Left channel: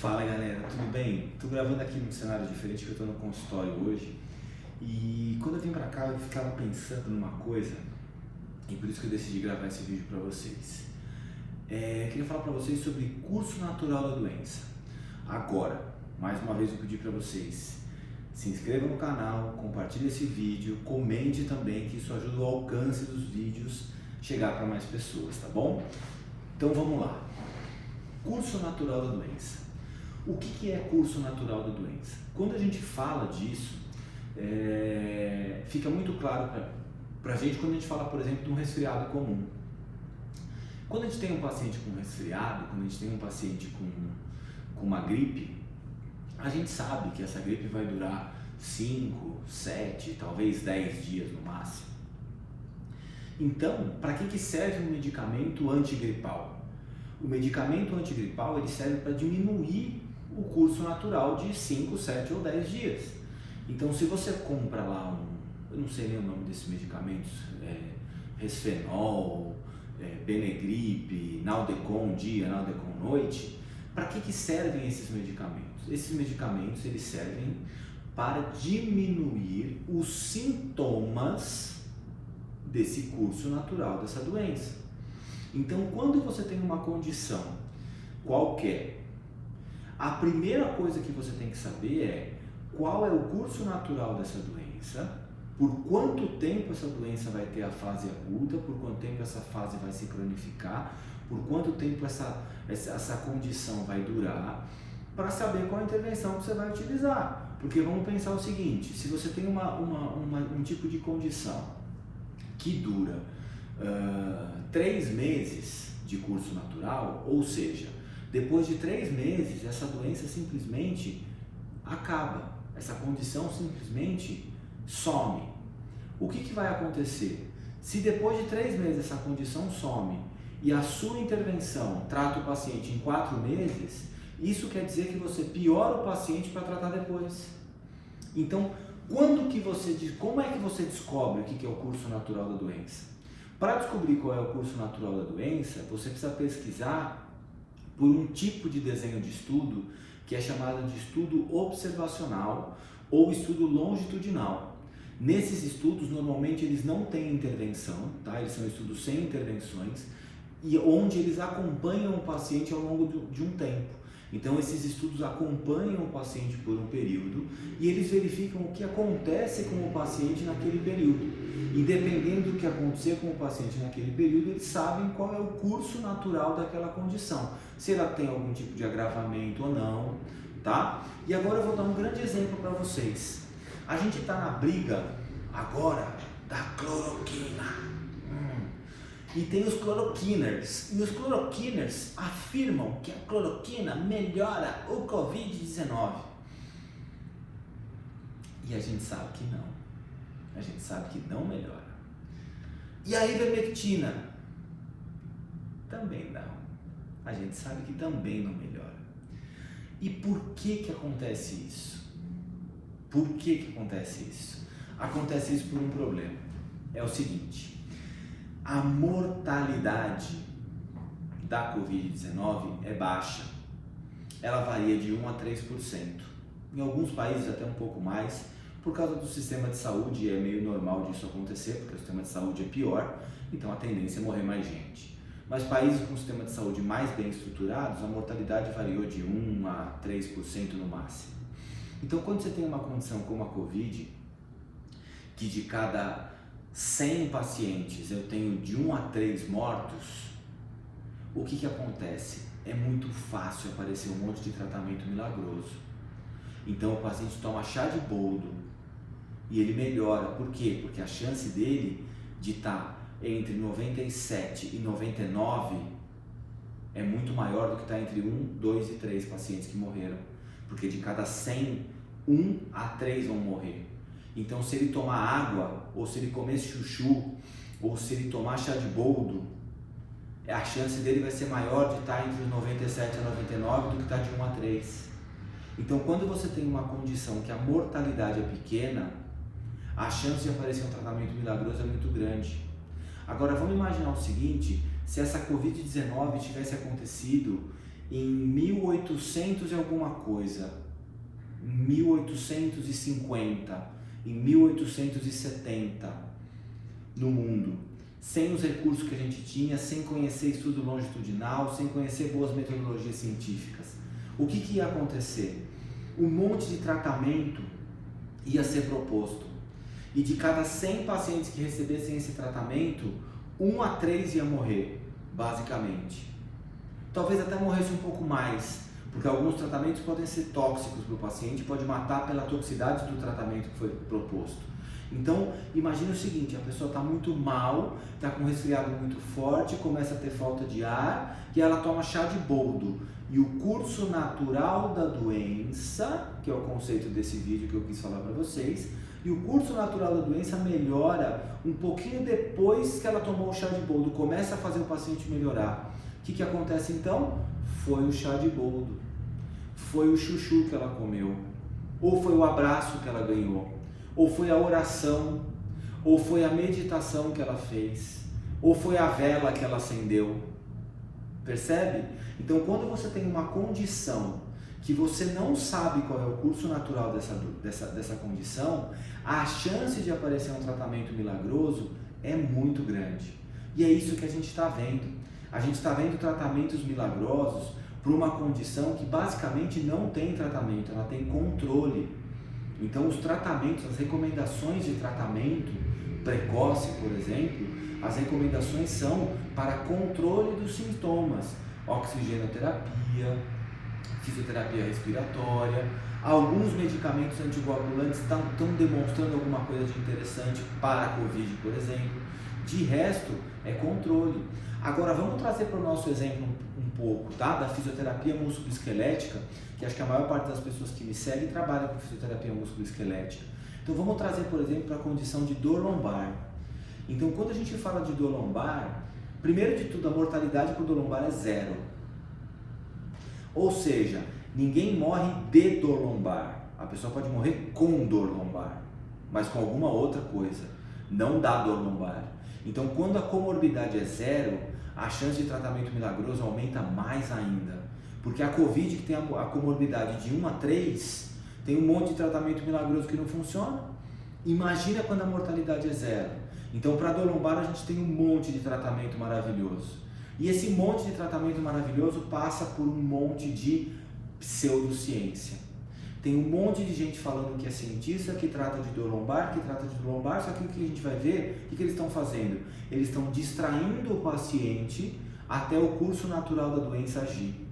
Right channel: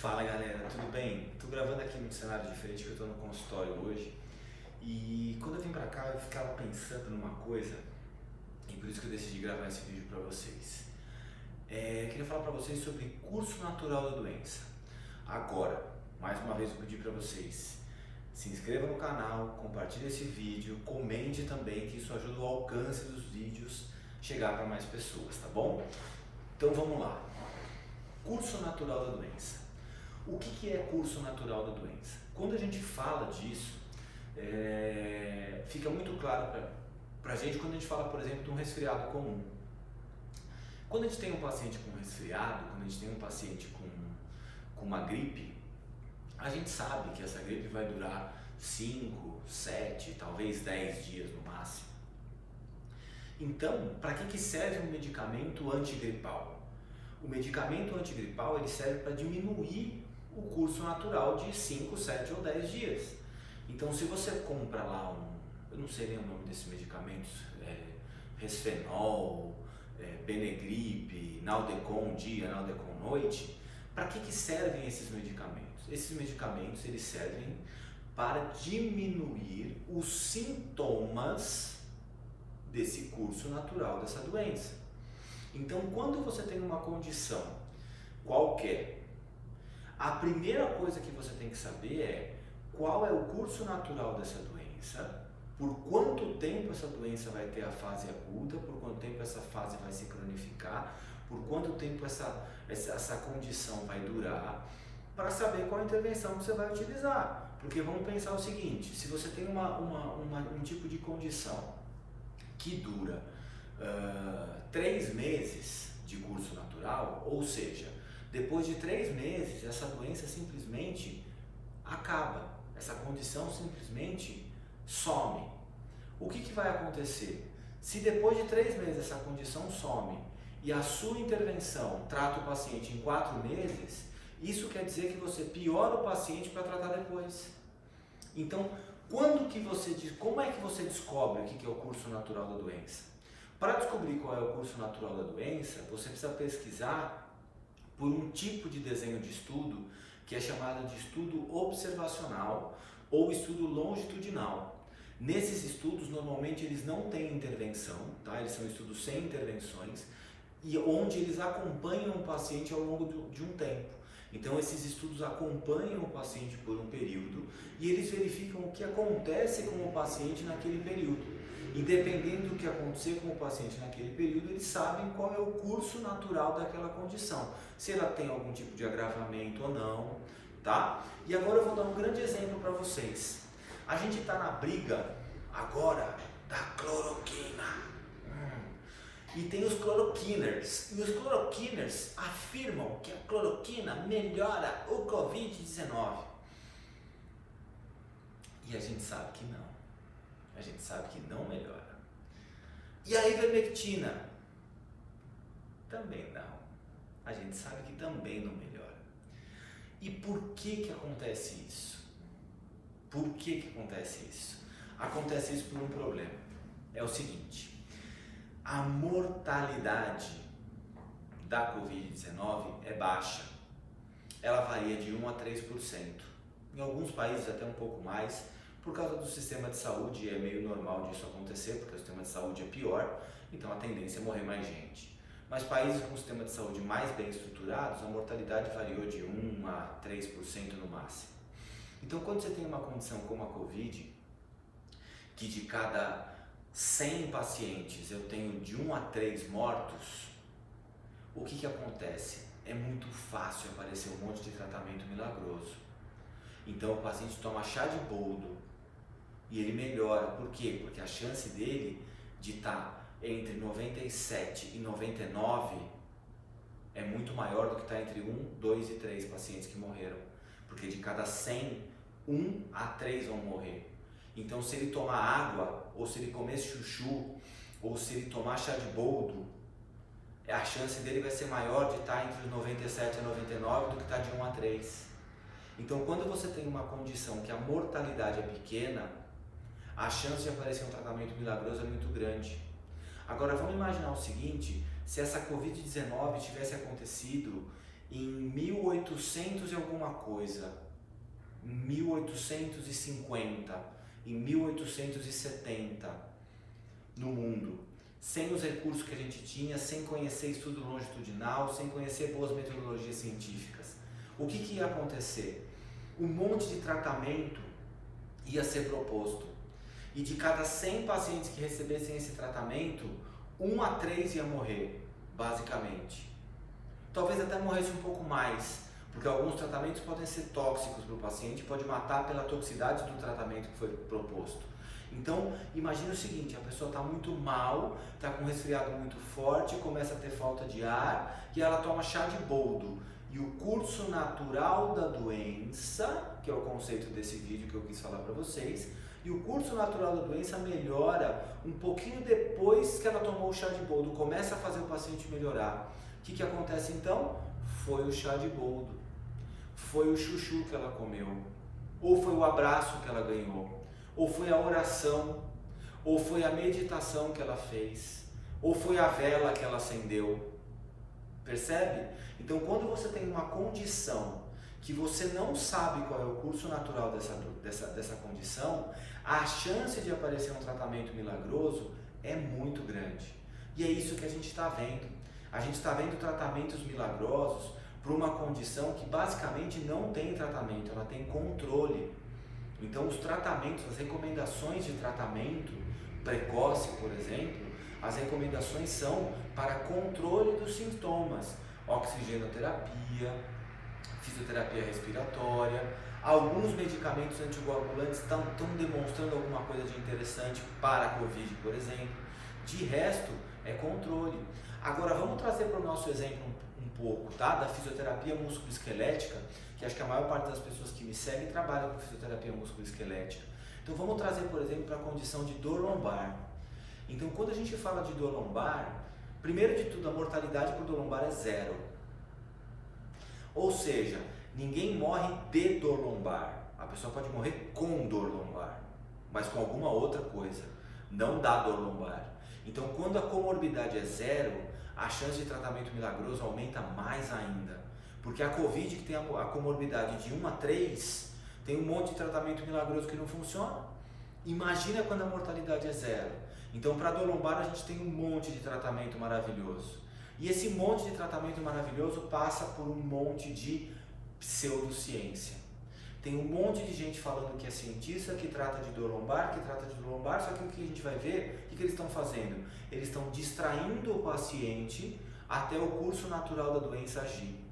Fala galera, tudo bem? Tô gravando aqui num cenário diferente que eu tô no consultório hoje. E quando eu vim pra cá eu ficava pensando numa coisa e por isso que eu decidi gravar esse vídeo pra vocês. Eu queria falar pra vocês sobre curso natural da doença. Agora, mais uma vez eu pedi pra vocês, se inscreva no canal, compartilhe esse vídeo, comente também, que isso ajuda o alcance dos vídeos chegar para mais pessoas, tá bom? Então vamos lá. Curso natural da doença. O que é curso natural da doença? Quando a gente fala disso, fica muito claro para a gente quando a gente fala, por exemplo, de um resfriado comum. Quando a gente tem um paciente com resfriado, quando a gente tem um paciente com uma gripe, a gente sabe que essa gripe vai durar 5, 7, talvez 10 dias no máximo. Então, para que serve um medicamento antigripal? O medicamento antigripal ele serve para diminuir o curso natural de 5, 7 ou 10 dias. Então, se você compra lá eu não sei nem o nome desses medicamentos, Resfenol, Benegripe, Naldecon dia, Naldecon noite, para que servem esses medicamentos? Esses medicamentos eles servem para diminuir os sintomas desse curso natural dessa doença. Então, quando você tem uma condição qualquer, a primeira coisa que você tem que saber é qual é o curso natural dessa doença, por quanto tempo essa doença vai ter a fase aguda, por quanto tempo essa fase vai se cronificar, por quanto tempo essa condição vai durar, para saber qual a intervenção que você vai utilizar. Porque vamos pensar o seguinte, se você tem um tipo de condição que dura 3 meses de curso natural, ou seja, depois de 3 meses essa doença simplesmente acaba, essa condição simplesmente some. O que vai acontecer? Se depois de 3 meses essa condição some e a sua intervenção trata o paciente em 4 meses, isso quer dizer que você piora o paciente para tratar depois. Então, como é que você descobre o que é o curso natural da doença? Para descobrir qual é o curso natural da doença, você precisa pesquisar por um tipo de desenho de estudo que é chamado de estudo observacional ou estudo longitudinal. Nesses estudos, normalmente eles não têm intervenção, tá? Eles são estudos sem intervenções e onde eles acompanham o paciente ao longo de um tempo. Então esses estudos acompanham o paciente por um período e eles verificam o que acontece com o paciente naquele período. Independente do que acontecer com o paciente naquele período, eles sabem qual é o curso natural daquela condição, se ela tem algum tipo de agravamento ou não, tá? E agora eu vou dar um grande exemplo para vocês. A gente está na briga agora da cloroquina. E tem os cloroquiners. E os cloroquiners afirmam que a cloroquina melhora o Covid-19. E a gente sabe que não. A gente sabe que não melhora. E a ivermectina? Também não. A gente sabe que também não melhora. E por que acontece isso? Por que acontece isso? Acontece isso por um problema. É o seguinte. A mortalidade da Covid-19 é baixa. Ela varia de 1 a 3%. Em alguns países até um pouco mais. Por causa do sistema de saúde é meio normal disso acontecer, porque o sistema de saúde é pior, então a tendência é morrer mais gente. Mas países com sistema de saúde mais bem estruturados, a mortalidade variou de 1 a 3% no máximo. Então quando você tem uma condição como a Covid, que de cada 100 pacientes eu tenho de 1 a 3 mortos, o que acontece? É muito fácil aparecer um monte de tratamento milagroso. Então o paciente toma chá de boldo e ele melhora. Por quê? Porque a chance dele de estar entre 97 e 99 é muito maior do que estar entre 1, 2 e 3 pacientes que morreram. Porque de cada 100, 1 a 3 vão morrer. Então se ele tomar água, ou se ele comer chuchu, ou se ele tomar chá de boldo, a chance dele vai ser maior de estar entre os 97 a 99 do que estar de 1 a 3. Então, quando você tem uma condição que a mortalidade é pequena, a chance de aparecer um tratamento milagroso é muito grande. Agora, vamos imaginar o seguinte, se essa Covid-19 tivesse acontecido em 1800 e alguma coisa, 1850, em 1870, no mundo, sem os recursos que a gente tinha, sem conhecer estudo longitudinal, sem conhecer boas metodologias científicas. O que ia acontecer? Um monte de tratamento ia ser proposto. E de cada 100 pacientes que recebessem esse tratamento, 1 a 3 ia morrer, basicamente. Talvez até morresse um pouco mais, porque alguns tratamentos podem ser tóxicos para o paciente, pode matar pela toxicidade do tratamento que foi proposto. Então, imagine o seguinte, a pessoa está muito mal, está com um resfriado muito forte, começa a ter falta de ar, e ela toma chá de boldo. E o curso natural da doença, que é o conceito desse vídeo que eu quis falar para vocês, e o curso natural da doença melhora um pouquinho depois que ela tomou o chá de boldo, começa a fazer o paciente melhorar. O que acontece então? Foi o chá de boldo, foi o chuchu que ela comeu, ou foi o abraço que ela ganhou, ou foi a oração, ou foi a meditação que ela fez, ou foi a vela que ela acendeu. Percebe? Então, quando você tem uma condição que você não sabe qual é o curso natural dessa condição, a chance de aparecer um tratamento milagroso é muito grande. E é isso que a gente está vendo. A gente está vendo tratamentos milagrosos para uma condição que basicamente não tem tratamento, ela tem controle. Então, os tratamentos, as recomendações de tratamento precoce, por exemplo, as recomendações são para controle dos sintomas, oxigenoterapia, fisioterapia respiratória, alguns medicamentos anticoagulantes estão demonstrando alguma coisa de interessante para a Covid, por exemplo. De resto, é controle. Agora, vamos trazer para o nosso exemplo um pouco, tá? Da fisioterapia musculoesquelética, que acho que a maior parte das pessoas que me seguem trabalha com fisioterapia musculoesquelética. Então, vamos trazer, por exemplo, para a condição de dor lombar. Então, quando a gente fala de dor lombar, primeiro de tudo, a mortalidade por dor lombar é 0. Ou seja, ninguém morre de dor lombar. A pessoa pode morrer com dor lombar, mas com alguma outra coisa, não da dor lombar. Então, quando a comorbidade é 0, a chance de tratamento milagroso aumenta mais ainda. Porque a Covid, que tem a comorbidade de 1 a 3, tem um monte de tratamento milagroso que não funciona. Imagina quando a mortalidade é 0. Então, para a dor lombar, a gente tem um monte de tratamento maravilhoso. E esse monte de tratamento maravilhoso passa por um monte de pseudociência. Tem um monte de gente falando que é cientista, que trata de dor lombar, só que o que a gente vai ver, o que eles estão fazendo? Eles estão distraindo o paciente até o curso natural da doença agir.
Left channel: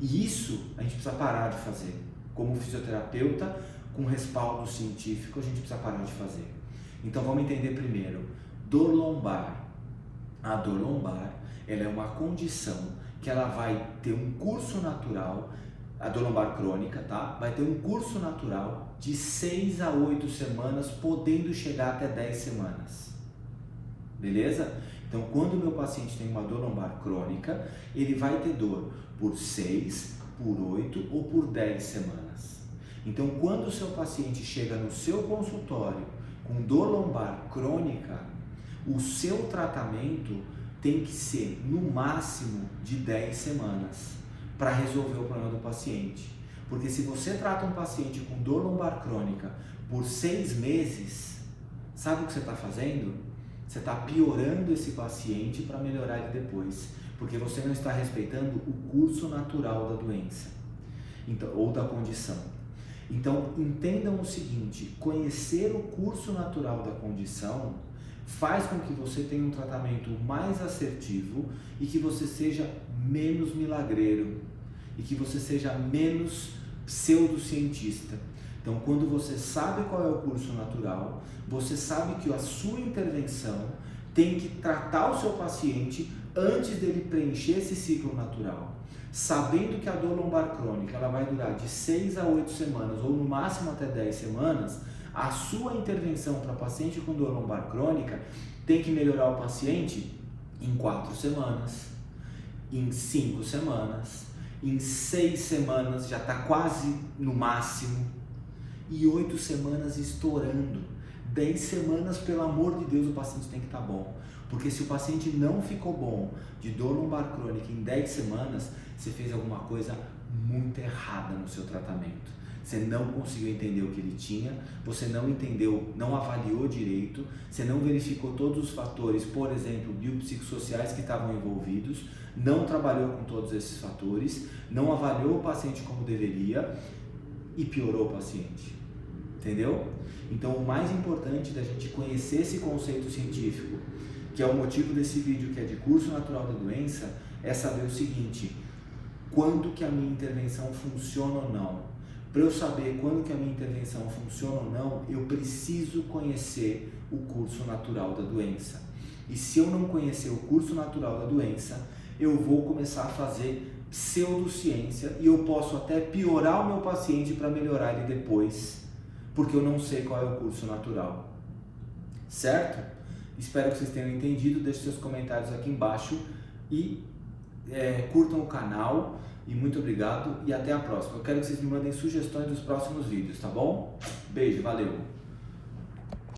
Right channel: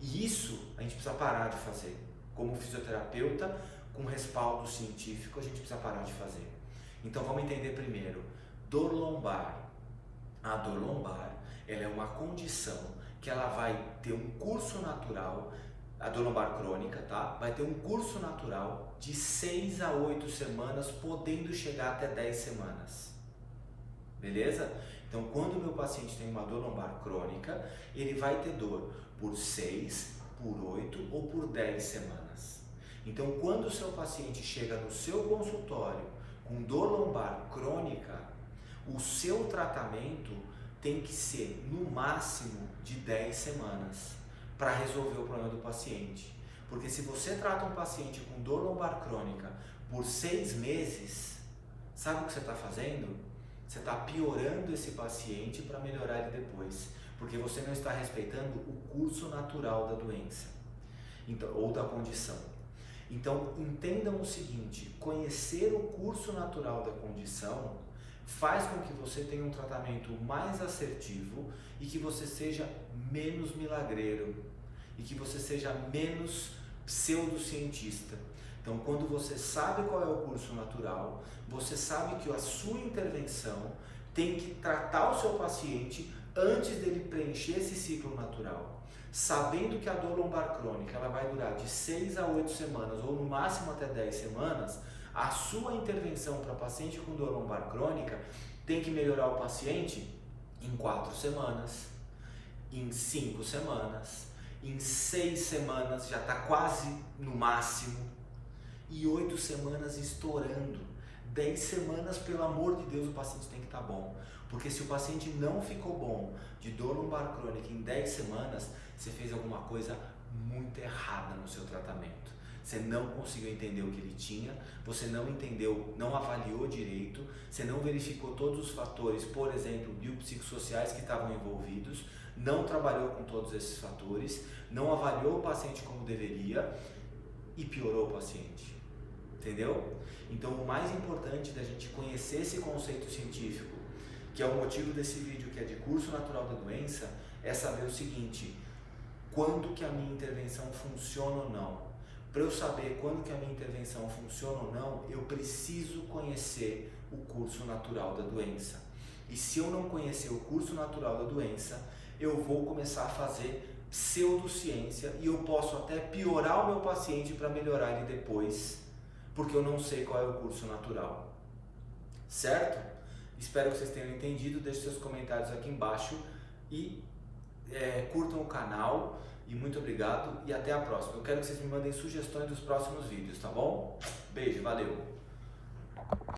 E isso a gente precisa parar de fazer. Como fisioterapeuta, com respaldo científico, a gente precisa parar de fazer. Então vamos entender primeiro, dor lombar. A dor lombar, ela é uma condição que ela vai ter um curso natural, a dor lombar crônica, tá? Vai ter um curso natural de 6 a 8 semanas, podendo chegar até 10 semanas. Beleza? Então, quando o meu paciente tem uma dor lombar crônica, ele vai ter dor por 6, por 8 ou por 10 semanas. Então, quando o seu paciente chega no seu consultório com dor lombar crônica, o seu tratamento tem que ser no máximo de 10 semanas para resolver o problema do paciente. Porque se você trata um paciente com dor lombar crônica por 6 meses, sabe o que você está fazendo? Você está piorando esse paciente para melhorar ele depois, porque você não está respeitando o curso natural da doença, então, ou da condição. Então, entendam o seguinte, conhecer o curso natural da condição faz com que você tenha um tratamento mais assertivo e que você seja menos milagreiro e que você seja menos pseudocientista. Então, quando você sabe qual é o curso natural, você sabe que a sua intervenção tem que tratar o seu paciente antes dele preencher esse ciclo natural. Sabendo que a dor lombar crônica ela vai durar de 6 a 8 semanas ou no máximo até 10 semanas, a sua intervenção para paciente com dor lombar crônica tem que melhorar o paciente em 4 semanas, em 5 semanas, em 6 semanas já está quase no máximo, e 8 semanas estourando. 10 semanas, pelo amor de Deus, o paciente tem que estar bom. Porque se o paciente não ficou bom de dor lombar crônica em 10 semanas, você fez alguma coisa muito errada no seu tratamento. Você não conseguiu entender o que ele tinha, você não entendeu, não avaliou direito, você não verificou todos os fatores, por exemplo, biopsicossociais que estavam envolvidos, não trabalhou com todos esses fatores, não avaliou o paciente como deveria e piorou o paciente. Entendeu? Então, o mais importante da gente conhecer esse conceito científico, que é o motivo desse vídeo, que é de curso natural da doença, é saber o seguinte: quando que a minha intervenção funciona ou não. Para eu saber quando que a minha intervenção funciona ou não, eu preciso conhecer o curso natural da doença. E se eu não conhecer o curso natural da doença, eu vou começar a fazer pseudociência e eu posso até piorar o meu paciente para melhorar ele depois, porque eu não sei qual é o curso natural. Certo? Espero que vocês tenham entendido. Deixe seus comentários aqui embaixo e curtam o canal. E muito obrigado e até a próxima. Eu quero que vocês me mandem sugestões dos próximos vídeos, tá bom? Beijo, valeu!